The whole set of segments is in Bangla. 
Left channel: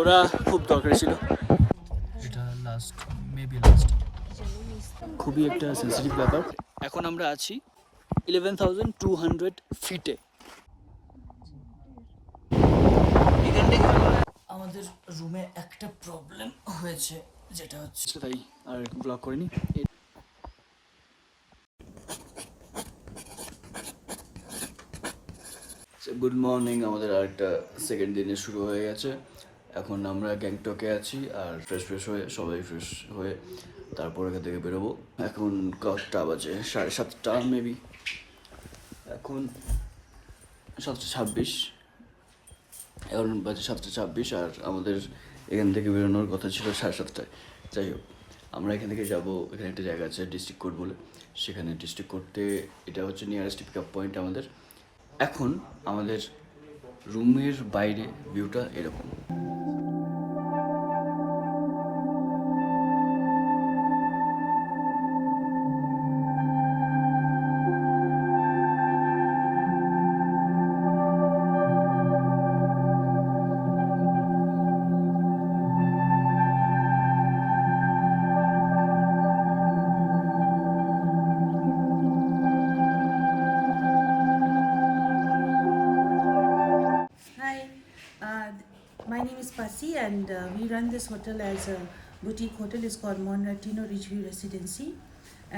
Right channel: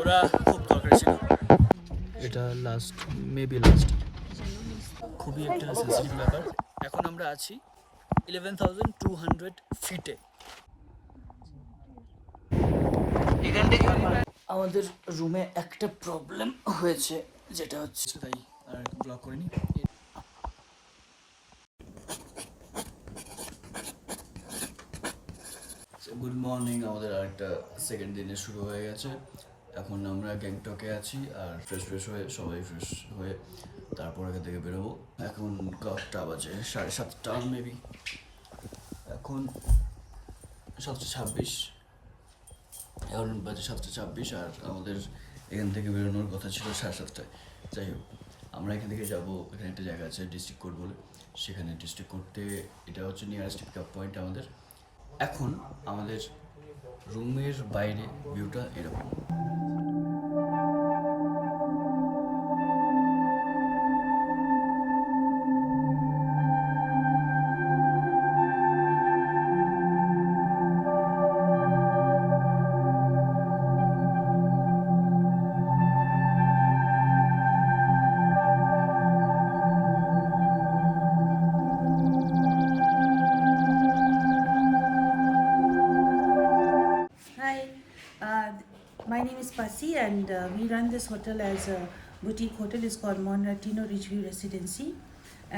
ওরা খুব দরকারি ছিল। এটা মেবি লাস্ট, খুবই একটা সেন্সিটিভ ব্যাপার। এখন আমরা আছি 11,200 ফিটে। এখান থেকে আমাদের রুমে একটা প্রবলেম হয়েছে, যেটা হচ্ছে তাই আর ব্লগ করিনি। গুড মর্নিং, আমাদের আরেকটা সেকেন্ড দিনে শুরু হয়ে গেছে। এখন আমরা গ্যাংটকে আছি আর ফ্রেশ হয়ে সবাই ফ্রেশ হয়ে তারপর এখান থেকে বেরোবো। এখন কটা বাজে? 7:30 মেবি। এখন 7:26, এখন বাজে 7:26 আর আমাদের এখান থেকে বেরোনোর কথা ছিল 7:30টায়। যাই হোক, আমরা এখান থেকে যাবো, এখানে একটা জায়গা আছে ডিস্ট্রিক্ট কোর্ট বলে, সেখানে ডিস্ট্রিক্ট কোর্টে এটা হচ্ছে নিয়ারেস্ট পিক আপ পয়েন্ট আমাদের। এখন আমাদের রুমের বাইরে ভিউটা এরকম। My name is Pasi and we run this hotel as a boutique hotel. It's called Monratino Ridgeview Residency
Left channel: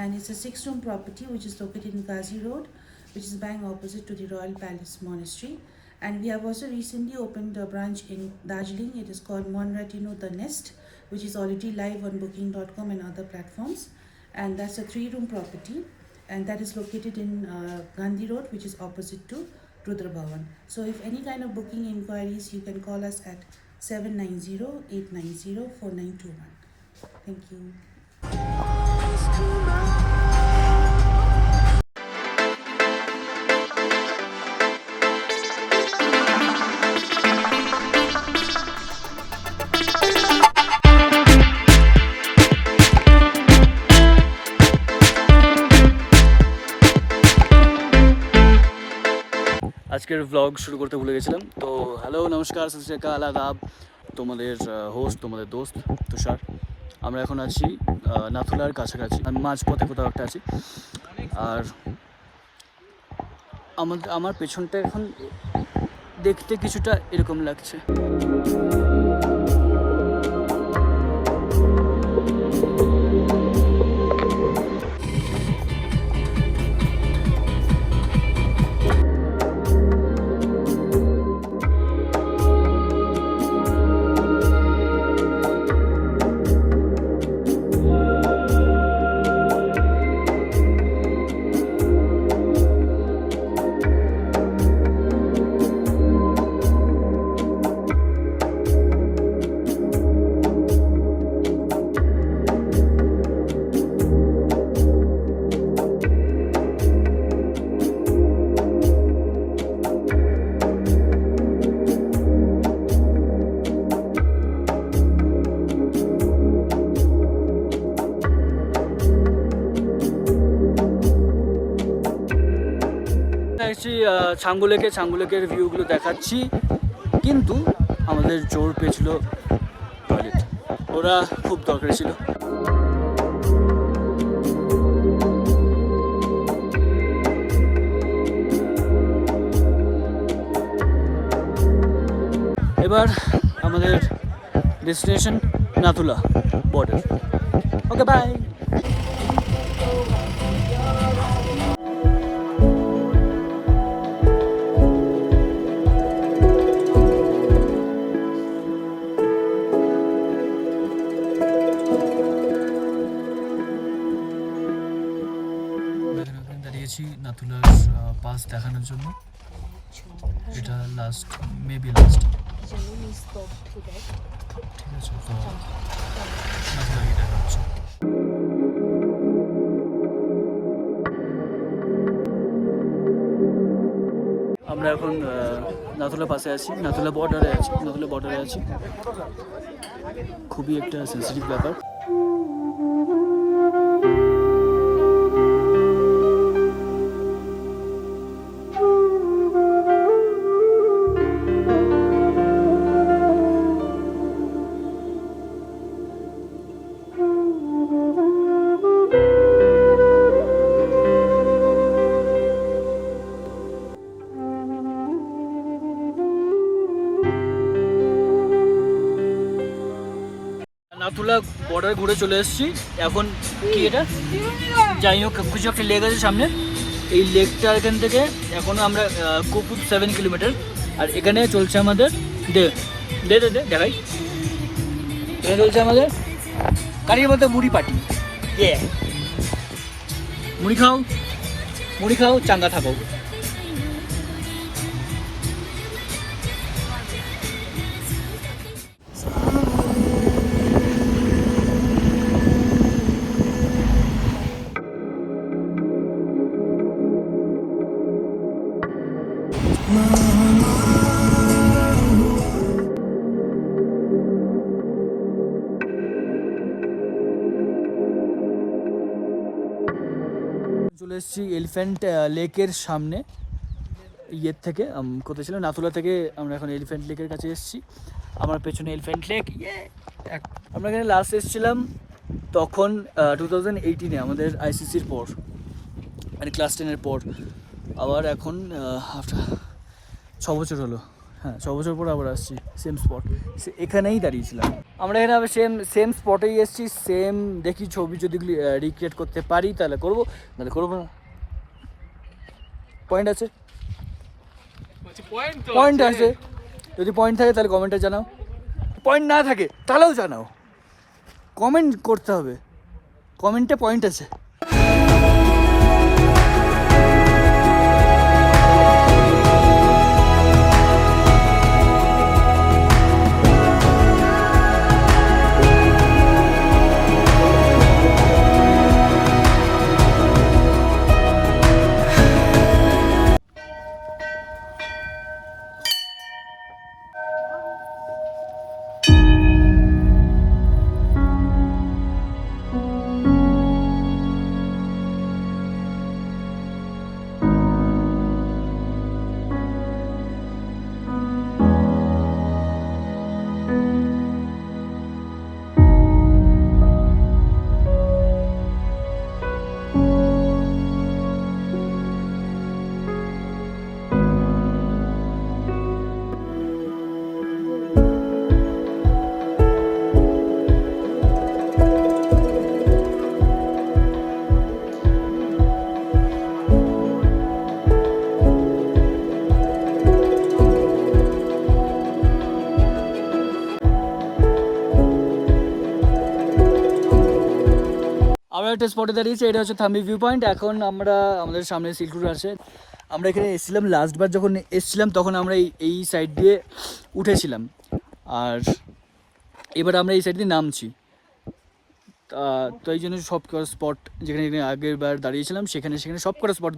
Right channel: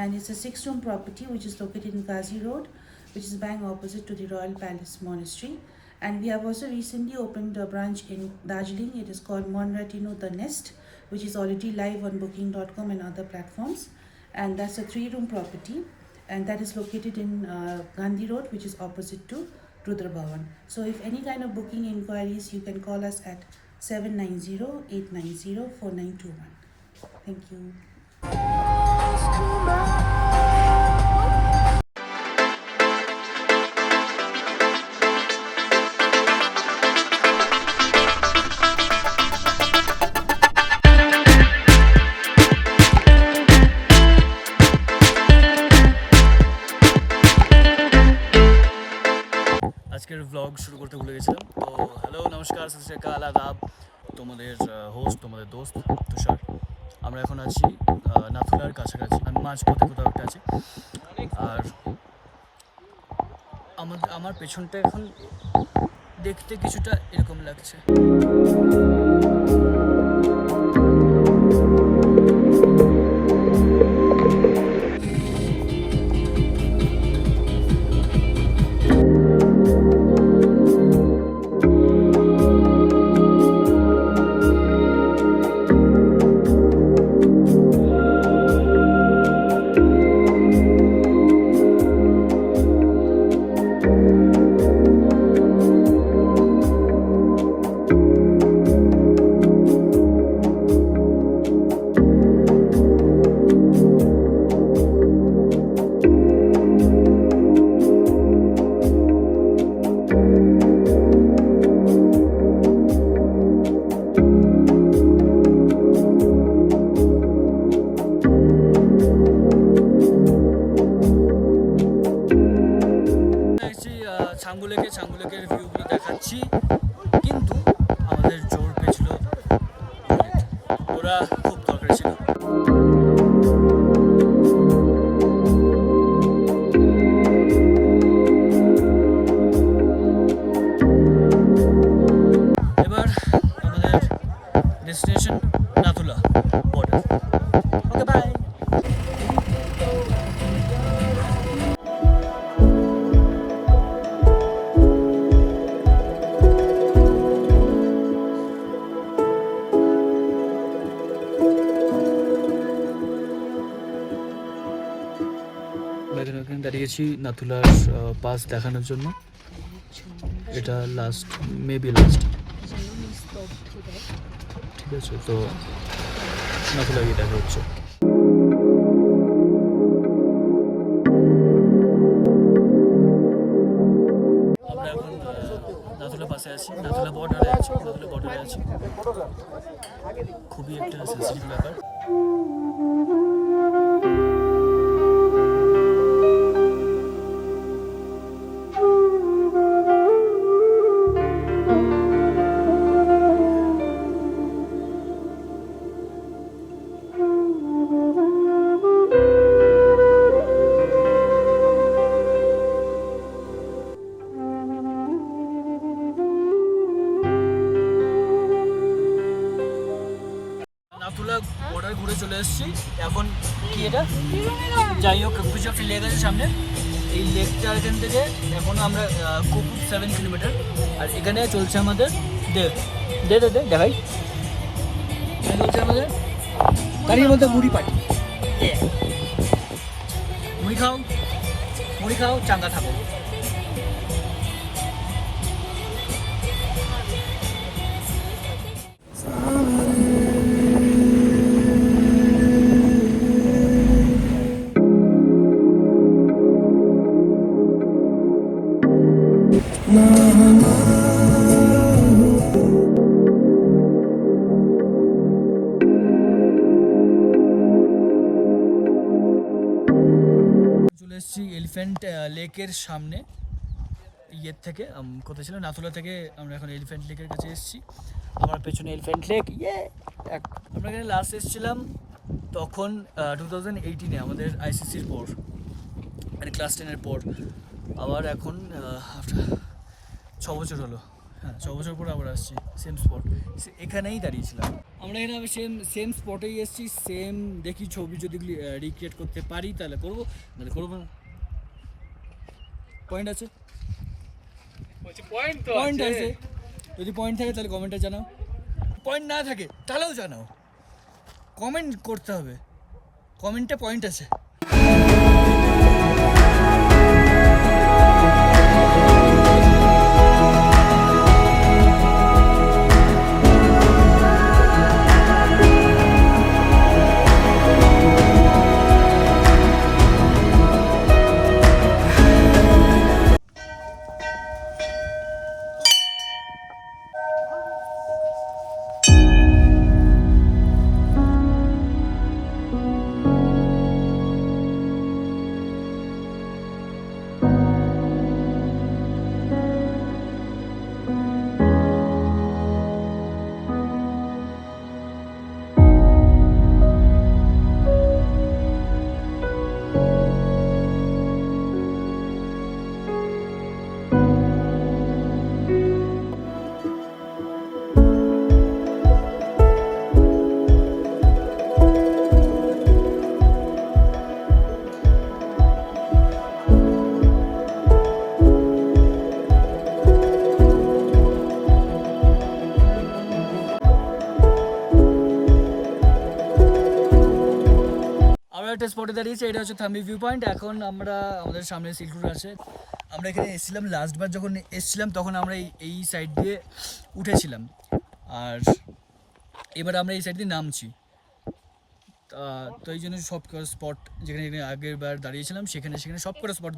and it's a 6-room property which is located in Ghazi Road, which is bang opposite to the Royal Palace Monastery. And we have also recently opened a branch in Darjeeling. It is called Monratino The Nest, which is already live on booking.com and other platforms. And that's a 3-room property and that is located in Gandhi Road, which is opposite to Rudra Bhavan. So if any kind of booking inquiries, you can call us at 790-890-4921. Thank you. আজকের ব্লগ শুরু করতে ভুলে গেছিলাম। তো হ্যালো, নমস্কার, সত শ্রী আকাল, আদাব। তোমাদের হোস্ট, তোমাদের দোস্ত তুষার। আমরা এখন আছি নাথুলার কাছাকাছি, আমি মাঝপথে কোথাও একটা আছি। আর আমার পেছনটা এখন দেখতে কিছুটা এরকম লাগছে। ছাঙ্গুলেকের ভিউগুলো দেখাচ্ছি, কিন্তু আমাদের জোর পেয়েছিল টয়লেট। ওরা খুব দরকারি ছিল। এবার আমাদের destination Nathula border. Okay, bye. দাঁড়িয়েছি নাথুলার পাস দেখানোর জন্য। এটা মেবি লাস্ট, ঠিক আছে? তো নাথুলা গিয়ে দেখা হচ্ছে। আমরা এখন নাথুলা পাশে আছি, নাথুলা বর্ডারে আছি। খুবই একটা সেন্সিটিভ ব্যাপার। নাথুলা বর্ডার ঘুরে চলে এসেছি। এখন কি এটা, যাই হোক কিছু একটা লেক আছে সামনে, এই লেকটা এখান থেকে এখনো আমরা খুব 7 কিলোমিটার। আর এখানে চলছে আমাদের দে দে দে দে দেখাই, এখানে চলছে আমাদের গাড়ির মধ্যে মুড়ি পার্টি। মুড়ি খাও চাঙ্গা থাকো। চলে এসেছি এলিফ্যান্ট লেকের সামনে, ইয়ের থেকে কোথায় ছিল, নাথুলা থেকে আমরা এখন এলিফ্যান্ট লেকের কাছে এসেছি। আমার পেছনে এলিফ্যান্ট লেক। আমরা এখানে লাস্ট এসেছিলাম তখন 2018-এ আমাদের আইসিসির পর, মানে ক্লাস 10-এর পর। আবার এখন আফটার 6 বছর হলো, হ্যাঁ 6 বছর পর আবার আসছি সেম স্পট, এখানেই দাঁড়িয়েছিলাম। আমরা এখানে আবার সেম স্পটেই এসেছি, সেম দেখি ছবি যদি রিক্রিয়েট করতে পারি তাহলে করবো, নাহলে করবো না। পয়েন্ট আছে, পয়েন্ট আছে, যদি পয়েন্ট থাকে তাহলে কমেন্টে জানাও, পয়েন্ট না থাকে তাহলেও জানাও, কমেন্ট করতে হবে, কমেন্টে পয়েন্ট আছে। আমরা একটা স্পটে দাঁড়িয়েছি, এটা হচ্ছে থাম্বি ভিউ পয়েন্ট। এখন আমরা আমাদের সামনে সিল্ক রোড আছে, আমরা এখানে এসেছিলাম লাস্টবার যখন এসেছিলাম তখন আমরা এই সাইড দিয়ে উঠেছিলাম, আর এবার আমরা এই সাইড দিয়ে নামছি। তো এই জন্য সব কটা স্পট যেখানে যেখানে আগের বার দাঁড়িয়েছিলাম সেখানে সেখানে সব কটা স্পট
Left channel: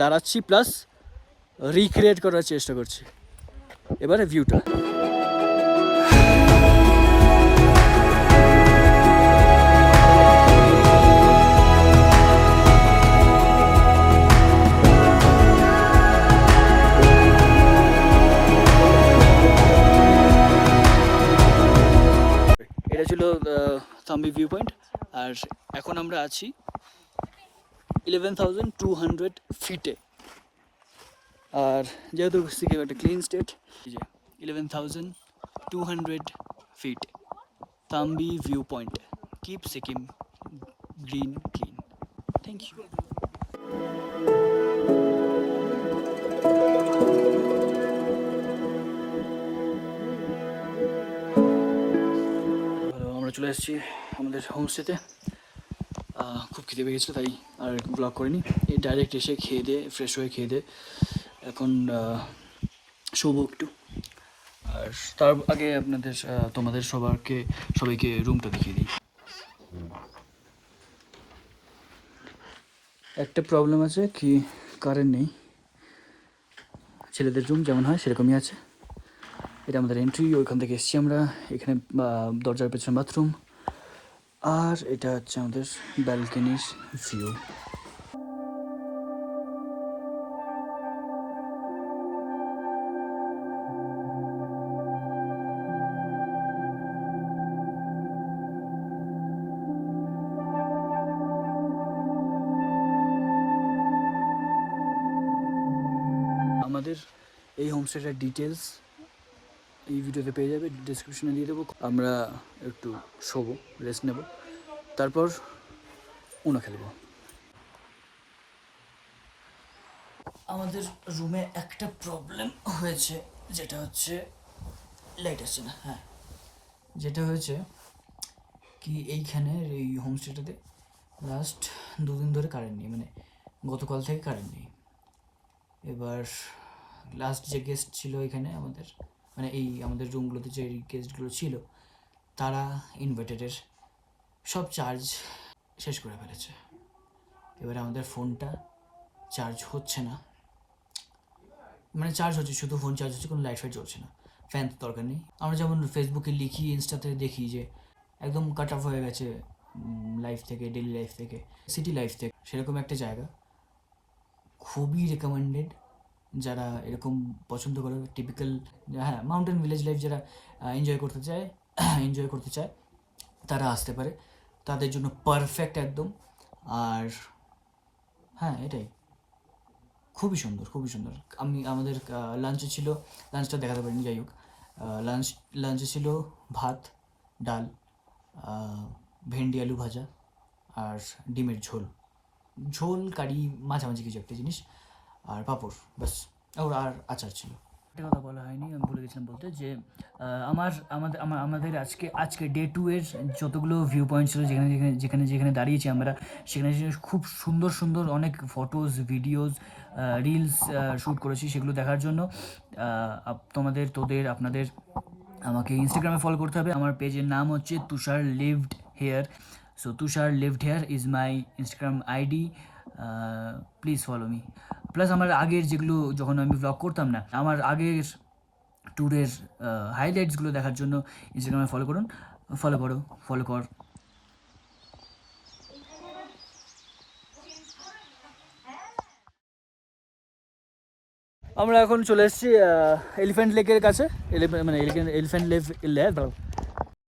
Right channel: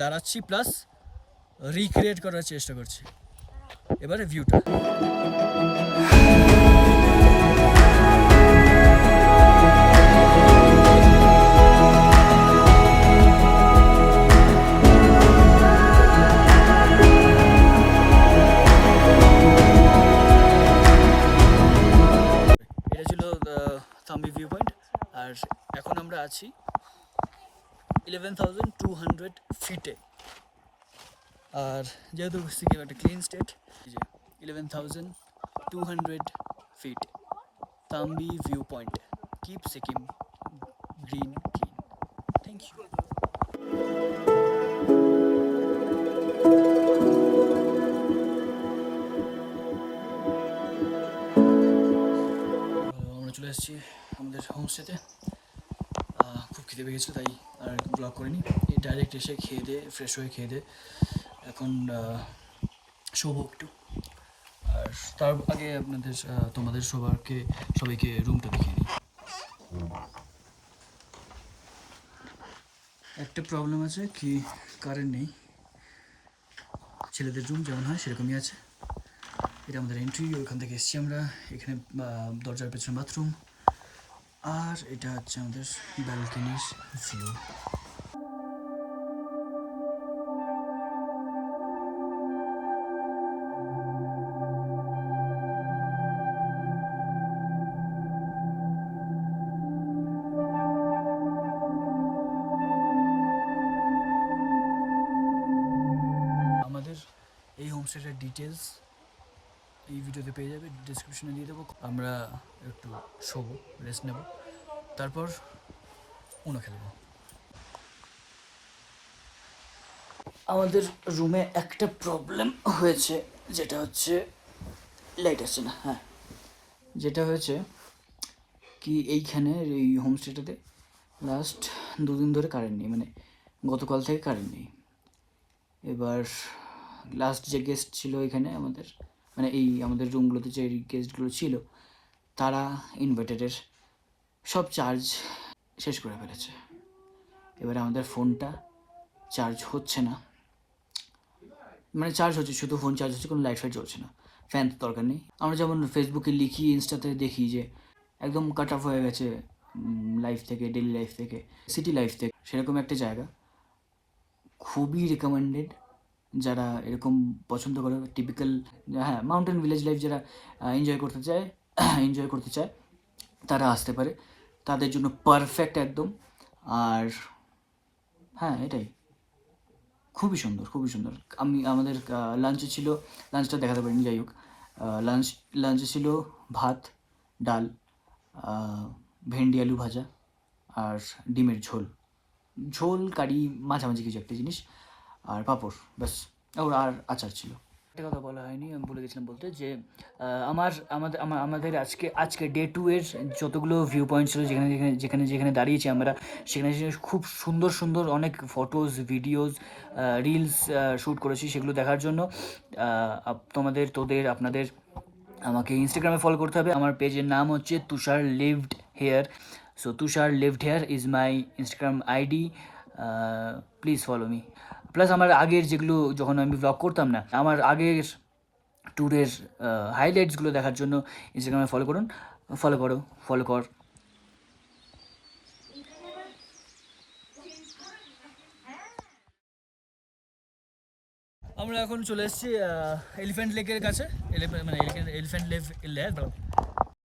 দাঁড়াচ্ছি, প্লাস রিক্রিয়েট করার চেষ্টা করছি। এবারে ভিউটা ছিল থাম্বি ভিউ পয়েন্ট। আর এখন আমরা আছি 11,200 ফিটে, আর যেহেতু সিকিম একটা clean state, 11,200 feet Thambi view point, keep Sikkim green clean. Thank you. চলে এসেছি আমাদের হোমস্টেতে, খুব খিদে পেয়ে গেছিলো তাই আর ব্লগ করিনি, এই ডাইরেক্ট এসে খেয়ে দিয়ে ফ্রেশ হয়ে খেয়ে দিয়ে এখন শোবো একটু। আর তার আগে তোমাদের সবাইকে রুমটা দেখিয়ে দিই। একটা প্রবলেম আছে কি, কারেন্ট নেই, ছেলেদের রুম যেমন হয় সেরকমই আছে। এটা আমাদের এন্ট্রি, ওইখান থেকে এসেছি আমরা, এখানে দরজার পেছনে বাথরুম, আর এটা হচ্ছে আমাদের ব্যালকনির ভিউ। আমাদের এই হোমস্টেটার ডিটেলস এই ভিডিওতে পেয়ে যাবে, ডিসক্রিপশনে দিয়ে দেবো। আমরা একটু শোবো, রেস্ট নেব, তারপর উনো খেলবো। আমাদের রুমে একটা প্রবলেম হয়েছে, যেটা হচ্ছে লাইট আসছে না। হ্যাঁ, যেটা হয়েছে কি, এইখানে এই হোমস্টেটাতে লাস্ট 2 দিন ধরে কারেন্ট নেই, মানে গতকাল থেকে কারেন্ট নেই। এবার লাস্ট যে গেস্ট ছিল এখানে আমাদের, মানে এই আমাদের রুমগুলোতে যে গেস্টগুলো ছিল, তারা ইনভার্টারের সব চার্জ শেষ করে ফেলেছে। এবারে আমাদের ফোনটা চার্জ হচ্ছে না, মানে চার্জ হচ্ছে শুধু, ফোন চার্জ হচ্ছে, কোনো লাইট ফাইট জ্বলছে না, ফ্যান তো দরকার নেই। আমরা যেমন ফেসবুকে লিখি, ইনস্টাতে দেখি যে একদম কাট অফ হয়ে গেছে লাইফ থেকে, ডেলি লাইফ থেকে, সিটি লাইফ থেকে, সেরকম একটা জায়গা খুবই রেকমেন্ডেড। যারা এরকম পছন্দ করে টিপিক্যাল, হ্যাঁ, মাউন্টেন ভিলেজ লাইফ যারা এনজয় করতে চায় তারা আসতে পারে, তাদের জন্য পারফেক্ট একদম। আর হ্যাঁ, এটাই খুবই সুন্দর, খুবই সুন্দর। আমাদের লাঞ্চে ছিল, লাঞ্চটা দেখাতে পারিনি, যাই হোক, লাঞ্চে ছিল ভাত, ডাল, ভেন্ডি আলু ভাজা, আর ডিমের ঝোল কারি মাঝামাঝি কিছু একটা জিনিস, আর পাঁপড়, ব্যাস। আর আচার ছিল। একটা কথা বলা হয়নি, আমি বলে গেছিলাম বলতে, যে আমাদের আজকে ডে 2 এর যতগুলো ভিউ পয়েন্ট ছিল, যেখানে দাঁড়িয়েছি আমরা, সেখানে খুব সুন্দর সুন্দর অনেক ফটোজ, ভিডিওস, রিলস শ্যুট করেছি। সেগুলো দেখার জন্য আপনাদের আমাকে ইনস্টাগ্রামে ফলো করতে হবে। আমার পেজের নাম হচ্ছে Tushar lived here. So Tushar lived here is my Instagram ID, please follow me. Plus আমার আগের যেগুলো, যখন আমি ব্লগ করতাম না, আমার আগের ট্যুরের হাইলাইটসগুলো দেখার জন্য ইনস্টাগ্রামে ফলো কর। আমরা এখন চলে এসেছি এলিফ্যান্ট লেকের কাছে, মানে এলিফ্যান্ট লেক